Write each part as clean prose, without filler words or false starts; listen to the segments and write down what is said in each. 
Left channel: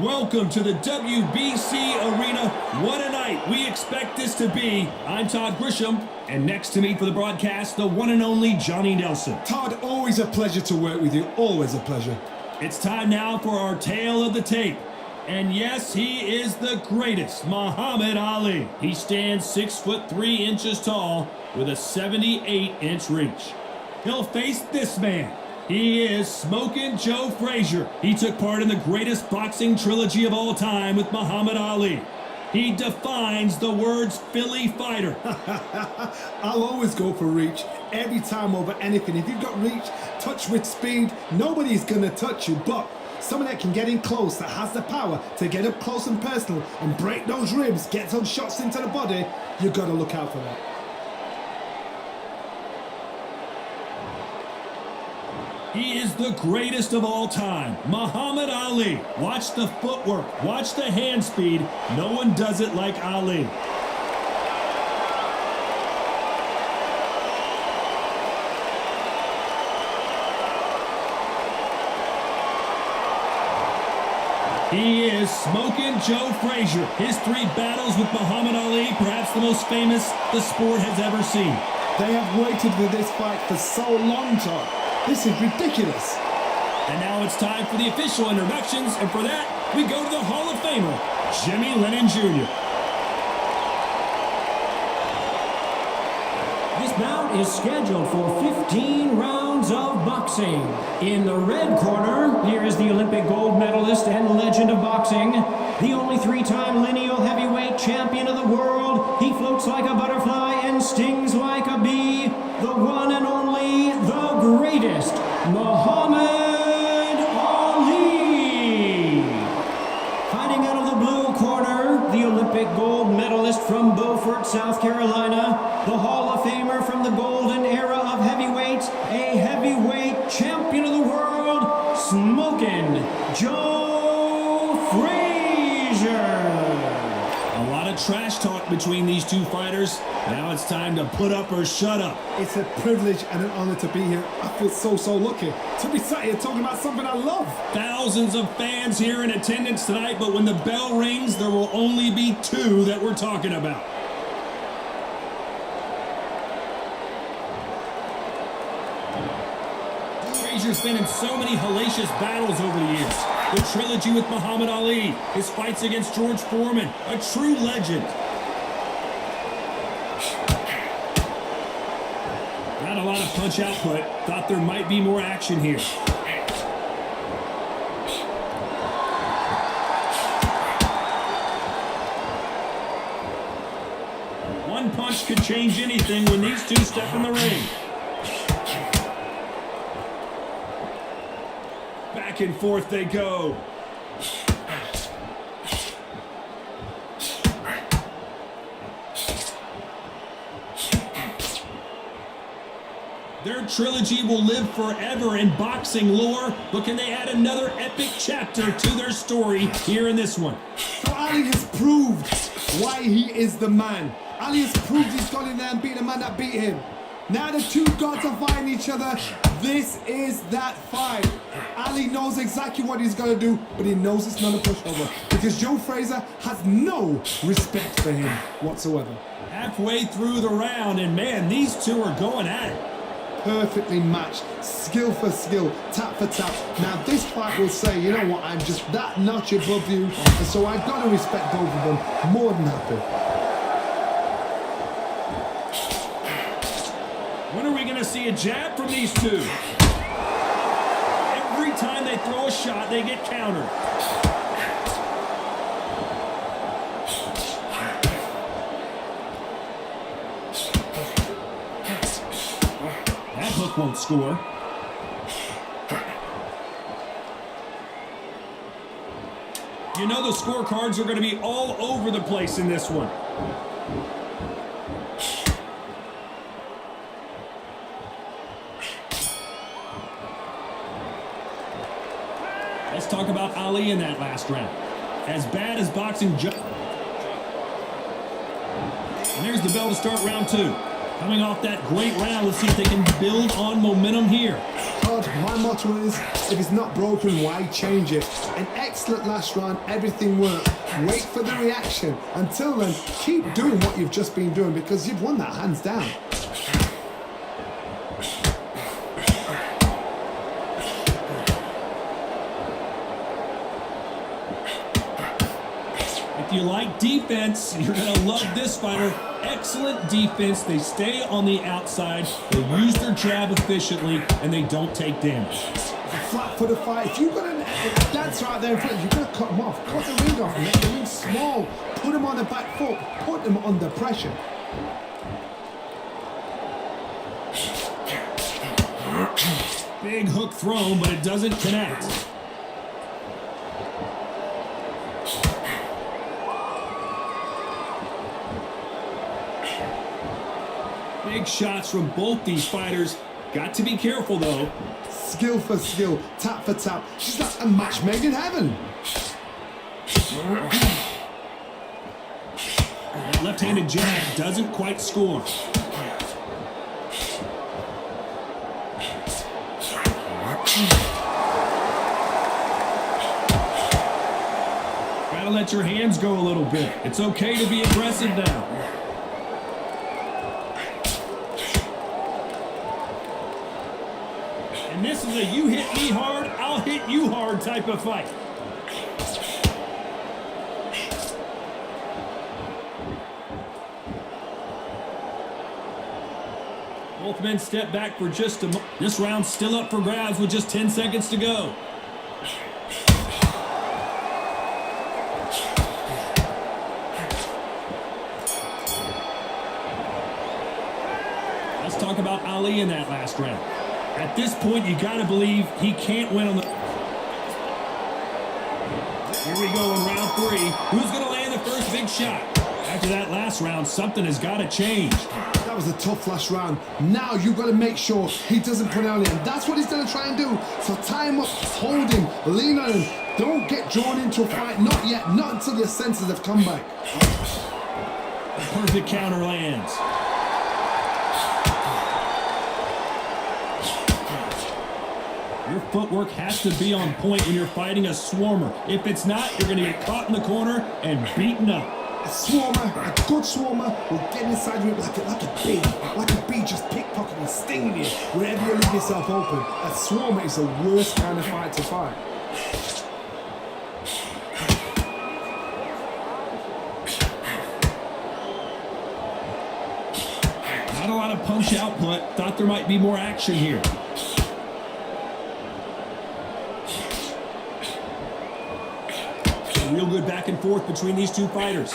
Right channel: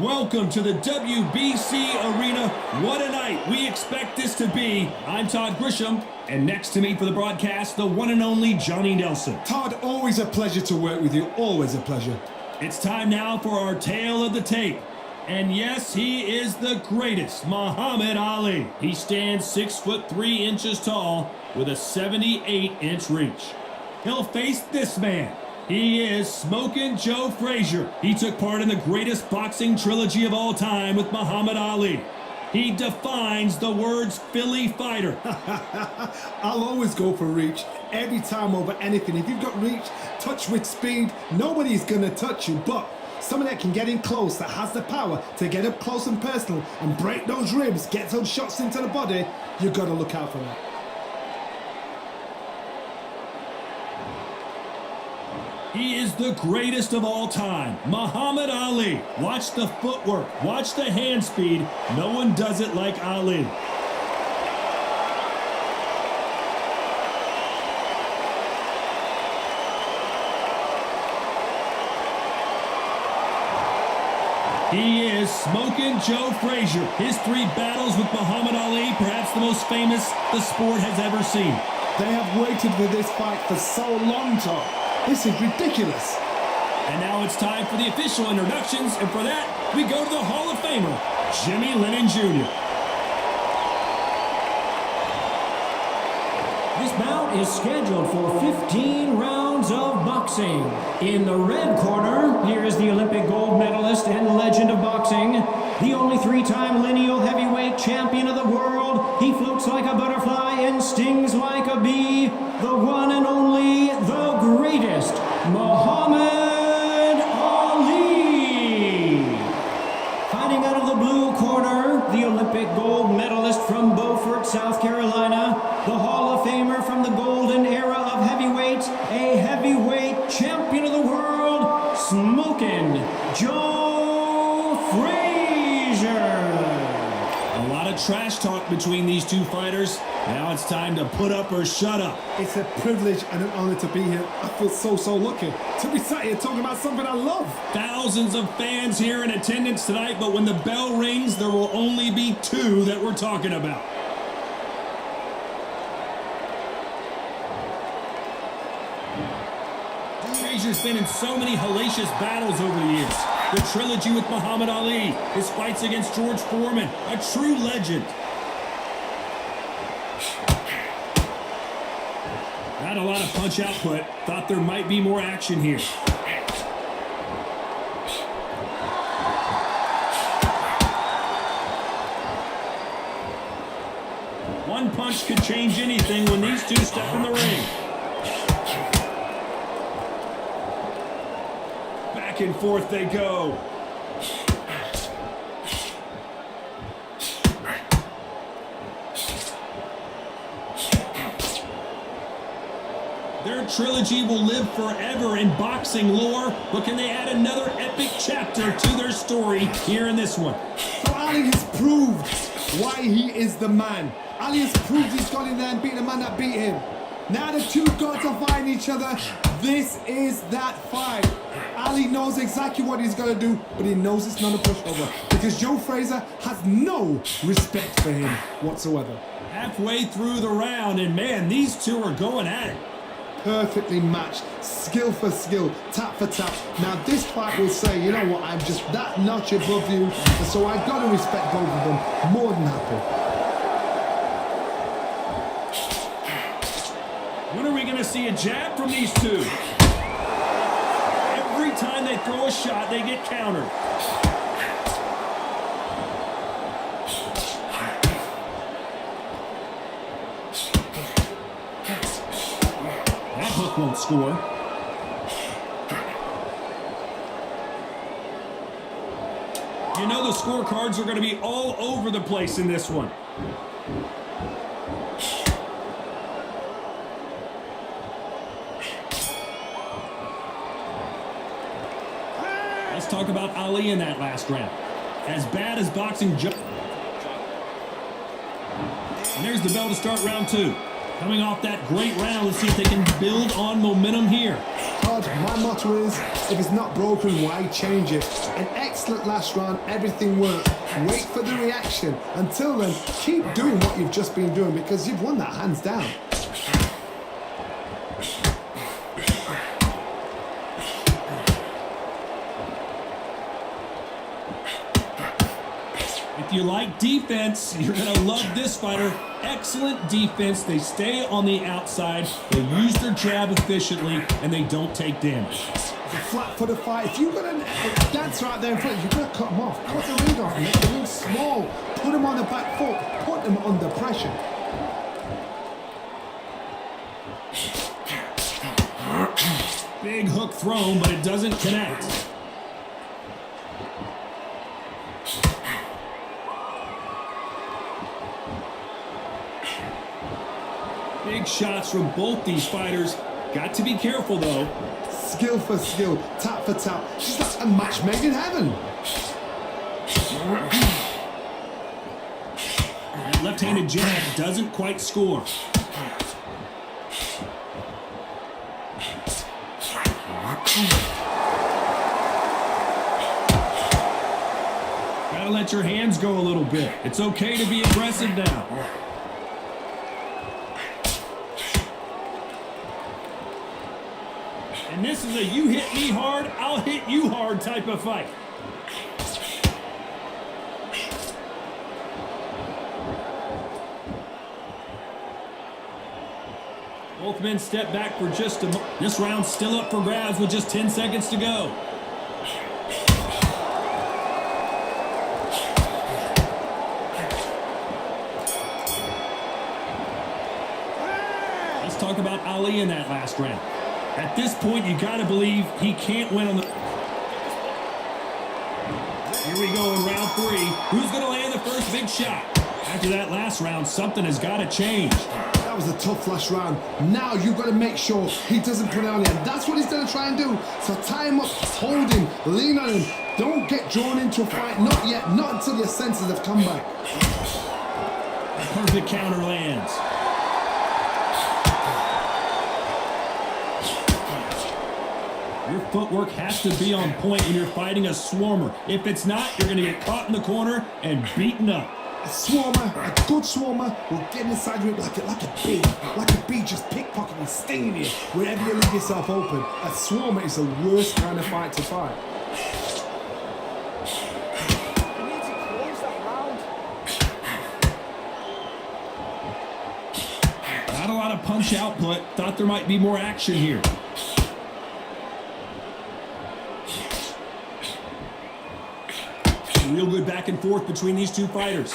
Welcome to the WBC Arena. What a night we expect this to be. I'm Todd Grisham, and next to me for the broadcast, the one and only Johnny Nelson. Todd, always a pleasure to work with you. Always a pleasure. It's time now for our tale of the tape. And yes, he is the greatest, Muhammad Ali. He stands 6'3" tall with a 78-inch reach. He'll face this man. He is Smokin Joe Frazier. He took part in the greatest boxing trilogy of all time with Muhammad Ali. He defines the words Philly fighter. I'll always go for reach every time over anything. If you've got reach, touch with speed, nobody's gonna touch you. But someone that can get in close, that has the power to get up close and personal and break those ribs, get those shots into the body, you've got to look out for that. He is the greatest of all time, Muhammad Ali. Watch the footwork, watch the hand speed. No one does it like Ali. He is Smokin Joe Frazier. His 3 battles with Muhammad Ali, perhaps the most famous the sport has ever seen. They have waited for this fight for so long, Todd. This is ridiculous. And now it's time for the official introductions, and for that, we go to the Hall of Famer, Jimmy Lennon Jr. This bout is scheduled for 15 rounds of boxing. In the red corner, here is the Olympic gold medalist and legend of boxing, the only 3-time lineal heavyweight champion of the world. He floats like a butterfly and stings like a bee. The one and only, the greatest, Muhammad Ali. Fighting out of the blue corner, the Olympic gold medalist from Beaufort, South Carolina, the Hall of Famer from the golden era of heavyweights, a heavyweight champion of the world, Smokin Joe Frazier. A lot of trash talk between these two fighters. Now it's time to put up or shut up. It's a privilege and an honor to be here. I feel so lucky to be sat here talking about something I love. Thousands of fans here in attendance tonight, but when the bell rings, there will only be 2 that we're talking about. Frazier's been in so many hellacious battles over the years. The trilogy with Muhammad Ali, his fights against George Foreman, a true legend. Not a lot of punch output. Thought there might be more action here. One punch could change anything when these two step in the ring. Back and forth they go. Their trilogy will live forever in boxing lore, but can they add another epic chapter to their story here in this one? So Ali has proved why he is the man. Ali has proved he's got in there and beat the man that beat him. Now the 2 gods are fighting each other. This is that fight. Ali knows exactly what he's going to do, but he knows it's not a pushover because Joe Frazier has no respect for him whatsoever. Halfway through the round, and man, these 2 are going at it. Perfectly matched, skill for skill, tap for tap. Now this fight will say, you know what, I'm just that notch above you, and so I've got to respect both of them. More than happy. When are we going to see a jab from these 2? Every time they throw a shot, they get countered. That hook won't score. You know the scorecards are going to be all over the place in this one. Let's talk about Ali in that last round. As bad as boxing just... And there's the bell to start round 2. Coming off that great round, let's see if they can build on momentum here. Todd, Todd, my motto is, if it's not broken, why change it? An excellent last round, everything worked. Wait for the reaction. Until then, keep doing what you've just been doing because you've won that hands down. If you like defense, you're going to love this fighter. Excellent defense. They stay on the outside. They use their jab efficiently, and they don't take damage. It's a flat-footed fight. If you've got a dancer out there in front, you've got to cut him off. Cut the ring off. Make the ring small. Put him on the back foot. Put him under pressure. Big hook thrown, but it doesn't connect. Big shots from both these fighters. Got to be careful, though. Skill for skill, tap for tap. She's like a match made in heaven. That left-handed jab doesn't quite score. Gotta let your hands go a little bit. It's okay to be aggressive now. And this is a you hit me hard, I'll hit you hard type of fight. Both men step back for just a moment. This round's still up for grabs with just 10 seconds to go. Let's talk about Ali in that last round. At this point, you got to believe he can't win on the... Here we go in round 3. Who's going to land the first big shot? After that last round, something has got to change. That was a tough last round. Now you've got to make sure he doesn't put it on you. And that's what he's going to try and do. So tie him up, hold him, lean on him. Don't get drawn into a fight. Not yet. Not until your senses have come back. Perfect counter lands. Your footwork has to be on point when you're fighting a swarmer. If it's not, you're going to get caught in the corner and beaten up. A swarmer, a good swarmer, will get inside you like a bee. Like a bee just pickpocketing, stinging you wherever you leave yourself open. A swarmer is the worst kind of fight to fight. Not a lot of punch output. Thought there might be more action here. Real good back and forth between these two fighters.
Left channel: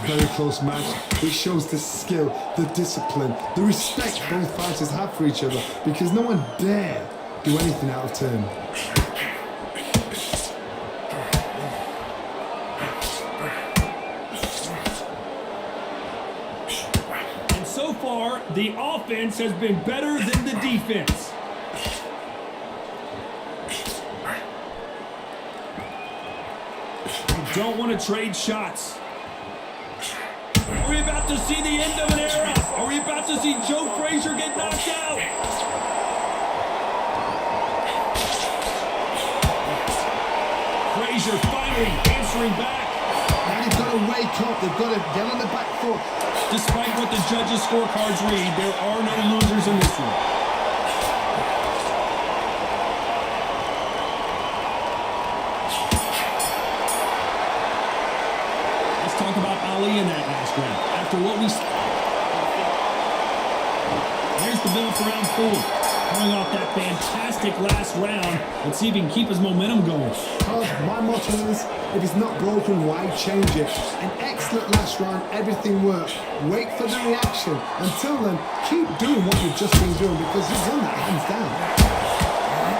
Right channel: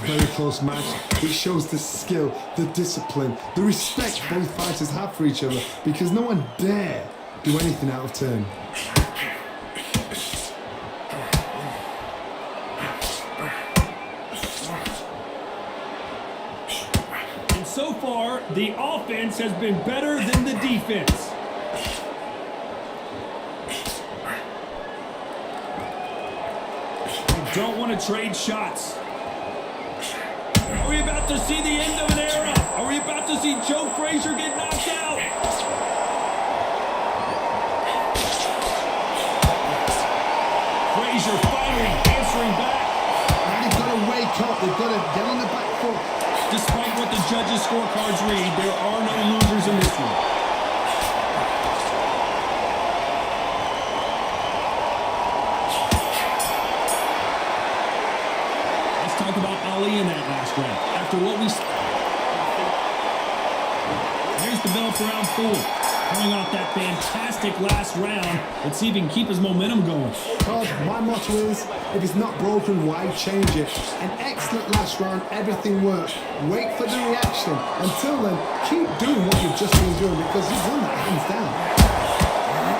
Very close match. It shows the skill, the discipline, the respect both fighters have for each other because no one dare do anything out of turn. And so far, the offense has been better than the defense. Don't want to trade shots. Are we about to see the end of an era? Are we about to see Joe Frazier get knocked out? Frazier finally answering back. Now they've got to wake up. They've got to get on the back foot. Despite what the judges' scorecards read, there are no losers in this one. Talk about Ali in that last round. After what we... Here's the bell for round 4. Coming off that fantastic last round. Let's see if he can keep his momentum going. Todd, my motto is, if it's not broken, why change it? An excellent last round, everything worked. Wait for the reaction. Until then, keep doing what you've just been doing because you've won that hands down.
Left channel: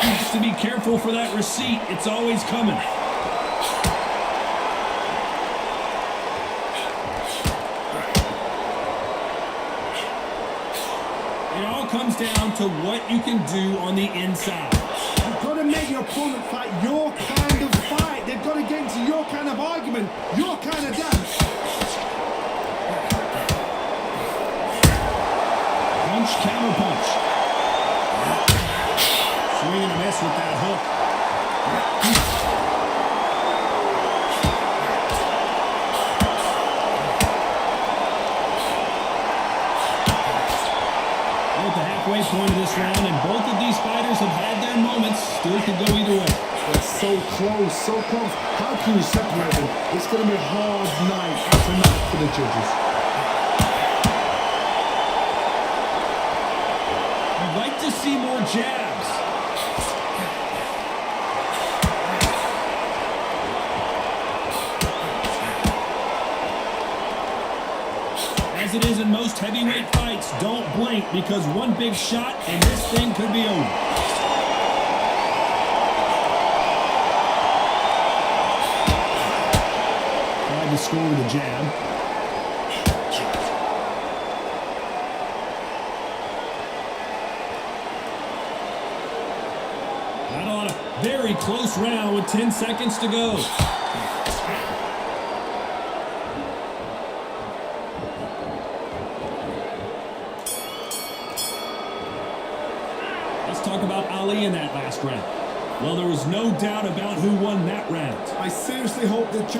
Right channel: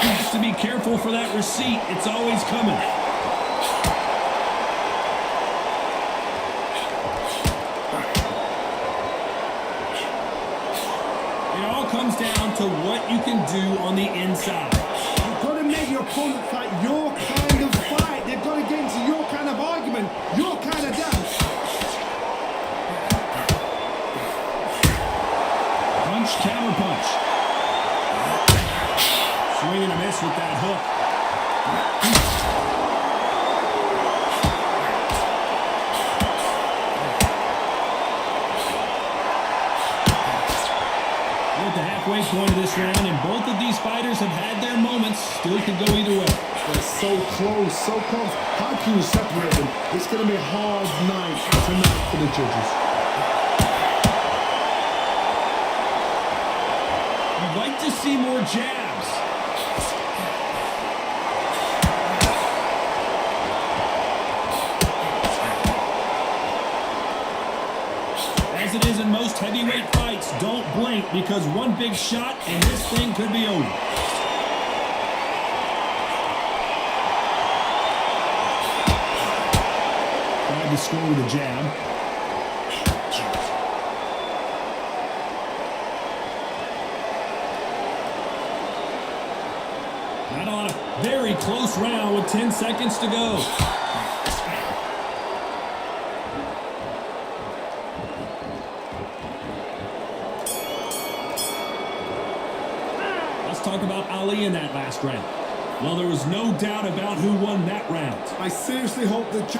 Has to be careful for that receipt. It's always coming. It all comes down to what you can do on the inside. You've got to make your opponent fight your kind of fight. They've got to get into your kind of argument, your kind of dance. Punch, counter punch. Swing and a miss with that hook. We're at the halfway point of this round, and both of these fighters have had their moments. Still could go either way. They're so close, so close. How can you separate them? It's going to be a hard night tonight for the judges. You'd like to see more jabs. As it is in most heavyweight fights, don't blink because one big shot and this thing could be over. Tried to score with a jab. Not a lot of very close round with 10 seconds to go. Let's talk about Ali in that last round. Well, there was no doubt about who won that round. I seriously hope that...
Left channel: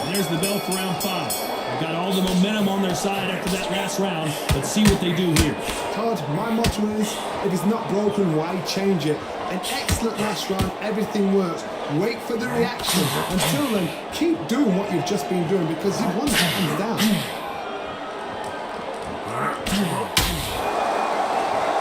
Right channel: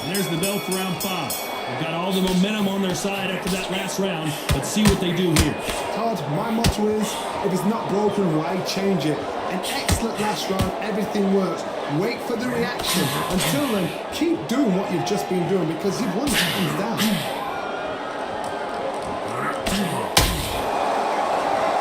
And there's the bell for round 5. They've got all the momentum on their side after that last round. Let's see what they do here. Todd, my motto is, if it's not broken, why change it? An excellent last round, everything works. Wait for the reaction. Until then, keep doing what you've just been doing because you've won hands down.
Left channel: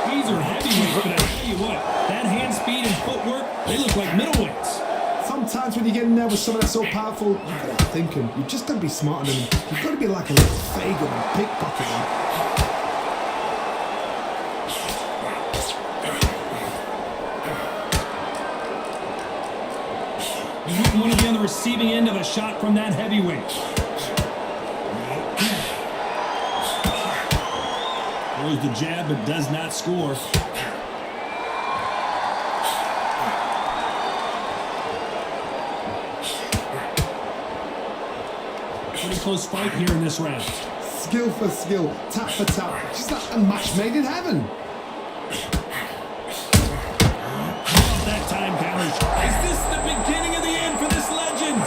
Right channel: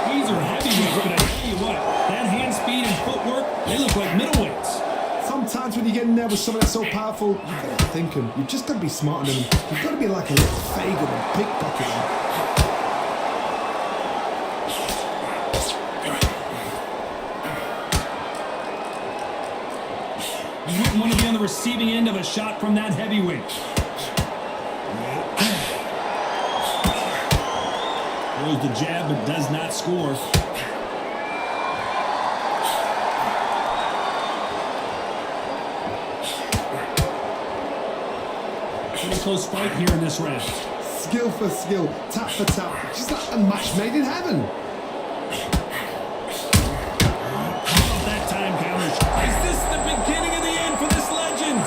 These are heavyweights, but I tell you what, that hand speed and footwork, they look like middleweights. Sometimes when you get in there with someone that's so powerful, you've got to outthink them. You've just got to be smarter than them. You've got to be like a little Fagan and pickpocket them. You wouldn't want to be on the receiving end of a shot from that heavyweight. Throws the jab, but does not score. Pretty close fight here in this round. Skill for skill, tap for tap. Just like a match made in heaven. How about that time counter? Is this the beginning of the end for this legend?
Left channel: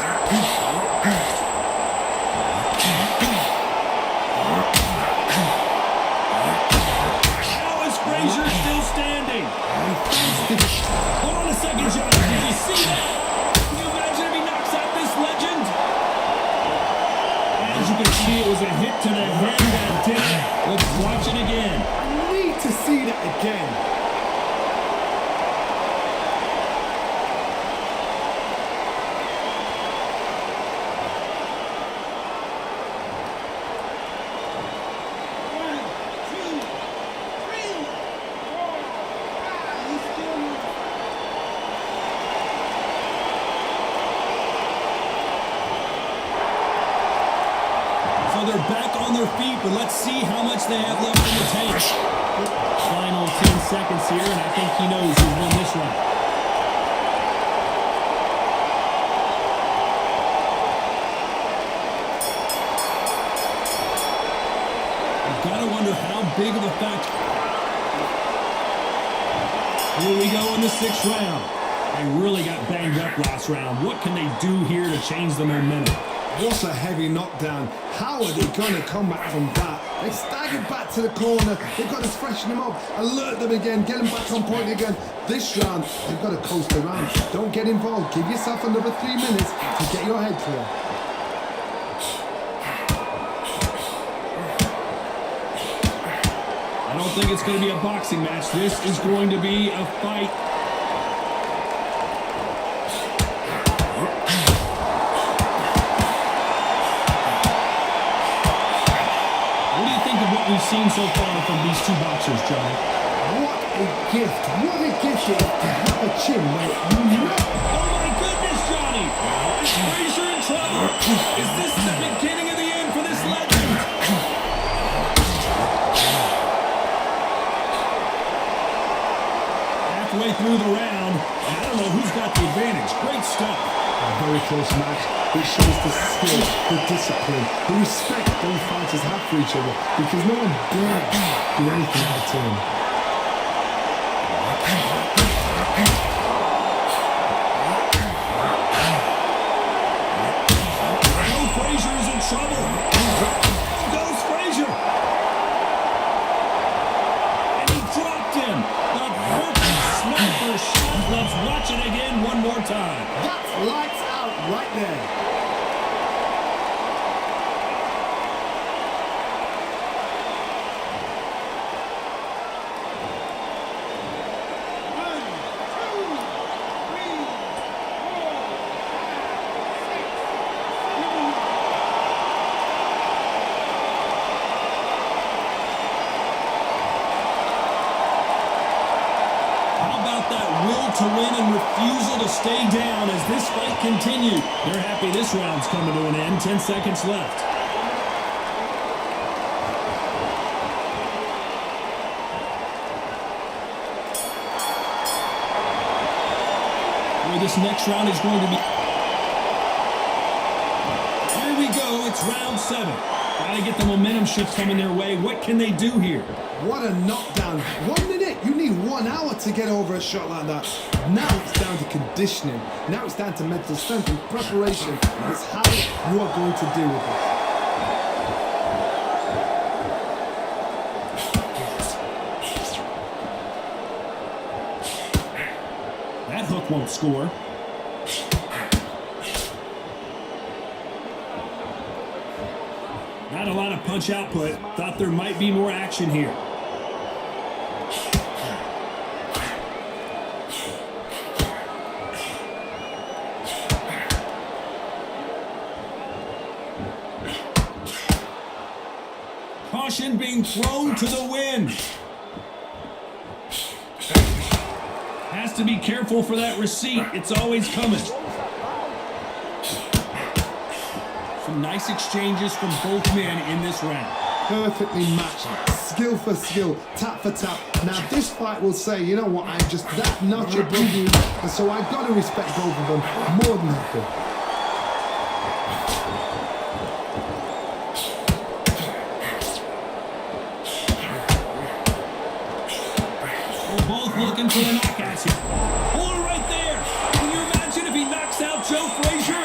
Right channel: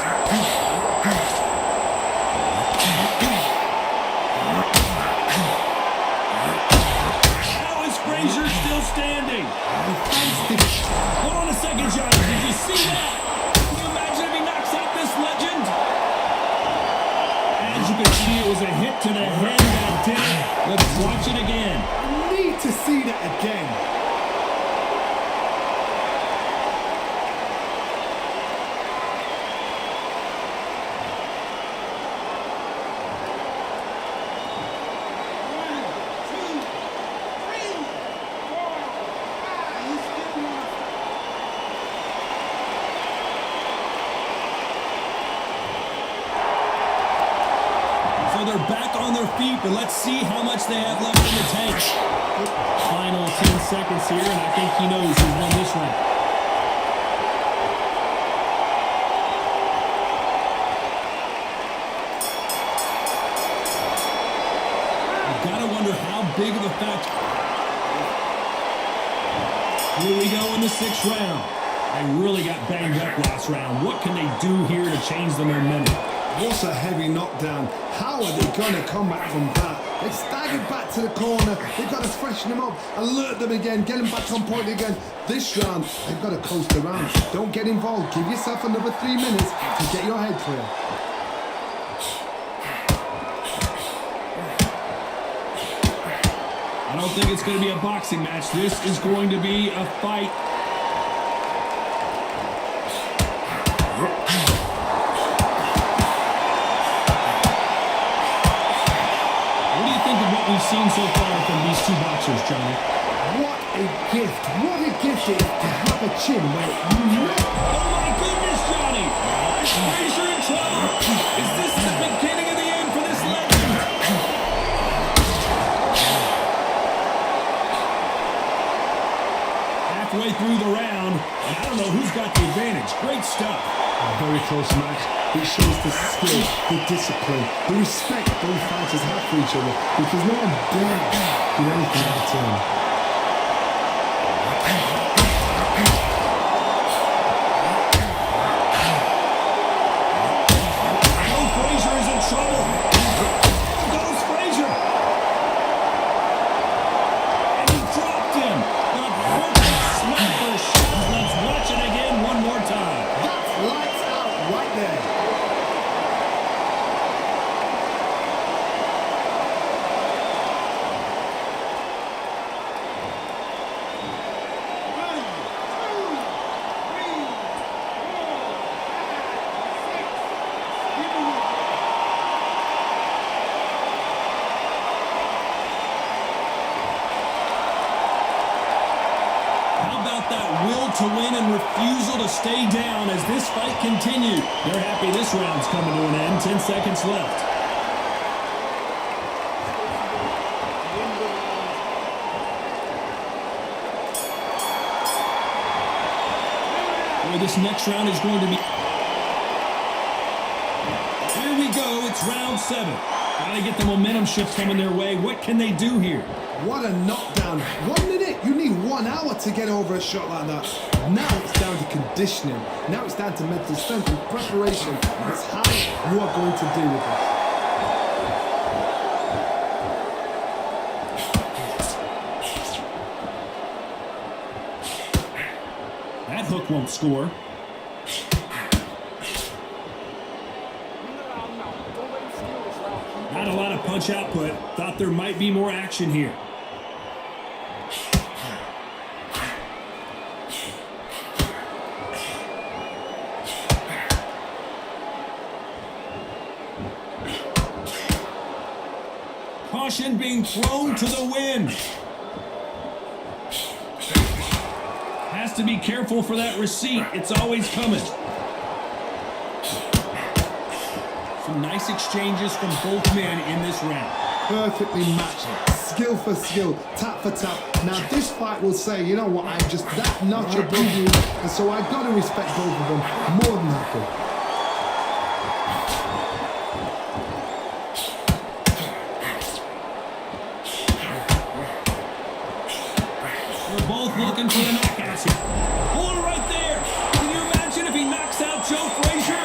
How is Frazier still standing? Hold on a second, Johnny. Did you see that? Can you imagine if he knocks out this legend? As you can see, it was a hit to the head that did it. Let's watch it again. I need to see that again. So they're back on their feet, but let's see how much they have left in the tank. Final 10 seconds here, and I think he knows who's won this round. You've got to wonder how big of a factor. Here we go in the 6th round. They really got banged up last round. What can they do here to change the momentum? What a heavy knockdown. How are they going to come back from that? They staggered back to the corner. They've got to freshen them up, alert them again, get them back on point again. This round, they've got to coast around. Don't get involved. Give yourself another 3 minutes to get your head clear. I don't think it's going to be a boxing match. This is going to be a fight. What do you think of what we've seen so far from these two boxers, Johnny? What a gift. What a gift it is to have a chin where you know. Oh my goodness, Johnny! Is Frazier in trouble? Is this the beginning of the end for this legend? Halfway through the round, and I don't know who's got the advantage. Great stuff. A very close match. It shows the skill, the discipline, the respect both fighters have for each other because no one dare do anything out of turn. Let's watch it again one more time. That's lights out right there. How about that will to win and refusal to stay down as this fight continues? They're happy this round's coming to an end. 10 seconds left. Boy, this next round is going to be... Here we go. It's round 7. Got to get the momentum shift coming their way. What can they do here? What a knockdown. 1 minute. You need 1 hour to get over a shot like that. Now it's down to conditioning. Now it's down to mental strength and preparation. It's how you are going to deal with this. That hook won't score. Not a lot of punch output. Thought there might be more action here. Caution being thrown to the wind. Has to be careful for that receipt. It's always coming. Some nice exchanges from both men in this round. Perfectly matched. Skill for skill. Tap for tap. Now this fight will say, you know what, I'm just that notch above you. And so I've got to respect both of them more than happy. We're both looking for the knockouts here. Hold it right there. Can you imagine if he knocks out Joe Frazier?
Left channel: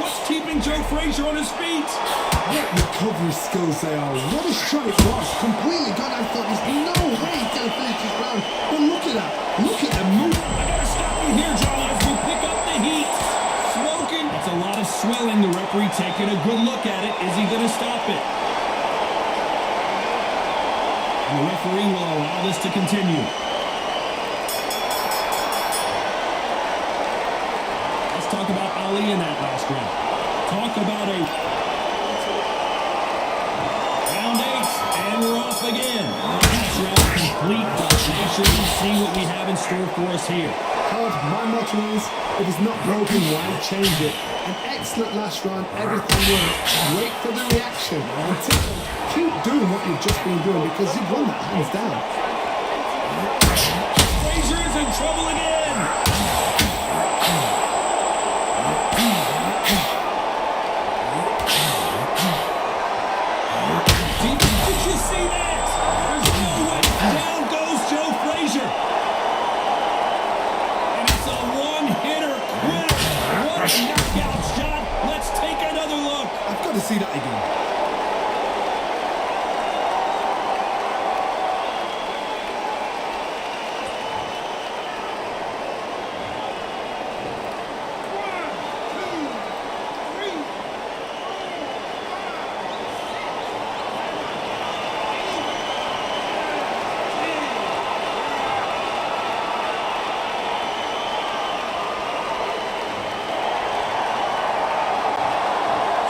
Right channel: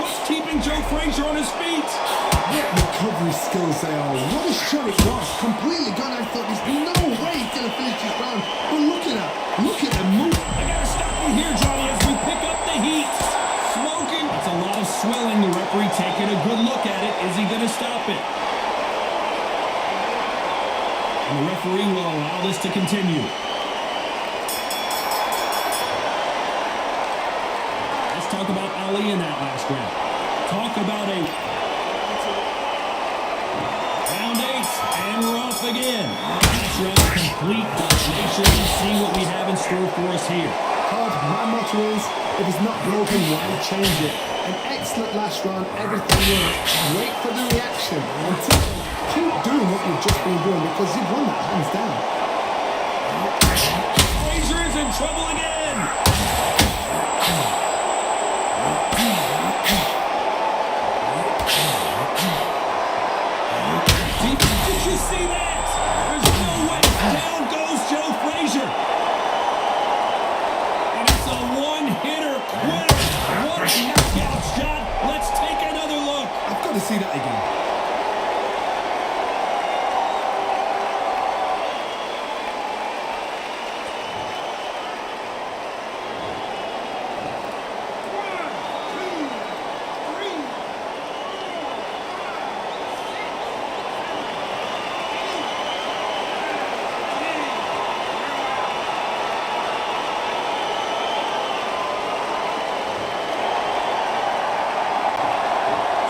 What's keeping Joe Frazier on his feet? What recovery skills they are. What a shot it was. Completely gone. I thought there's no way he's going to finish this round. But look at that. Look at the move. I got to stop you here, Johnny, as we pick up the heat. Smoking. That's a lot of swelling. The referee taking a good look at it. Is he going to stop it? And the referee will allow this to continue. Let's talk about Ali in that last round. Talk about a round 8, and we're off again. Last round, complete domination. See what we have in store for us here. Todd, my motto is, if it's not broken, why change it? An excellent last round, everything worked. Wait for the reaction. Until keep doing what you've just been doing because you've won that hands down. Frazier is in trouble again. Did you see that? There's no way. Down goes Joe Frazier. And it's a one-hitter quitter. What a knockout shot. Let's take another look. I've got to see that again.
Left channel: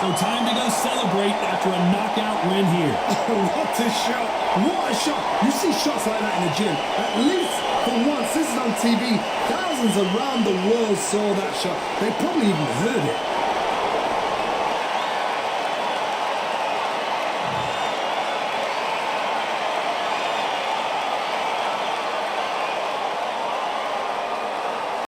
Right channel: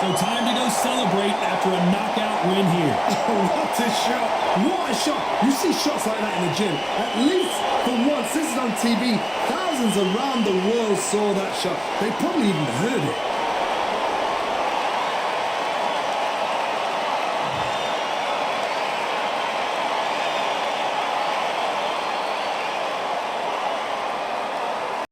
So time to go celebrate after a knockout win here. What a shot. What a shot. You see shots like that in the gym. At least for once, this is on TV. Thousands around the world saw that shot. They probably even heard it.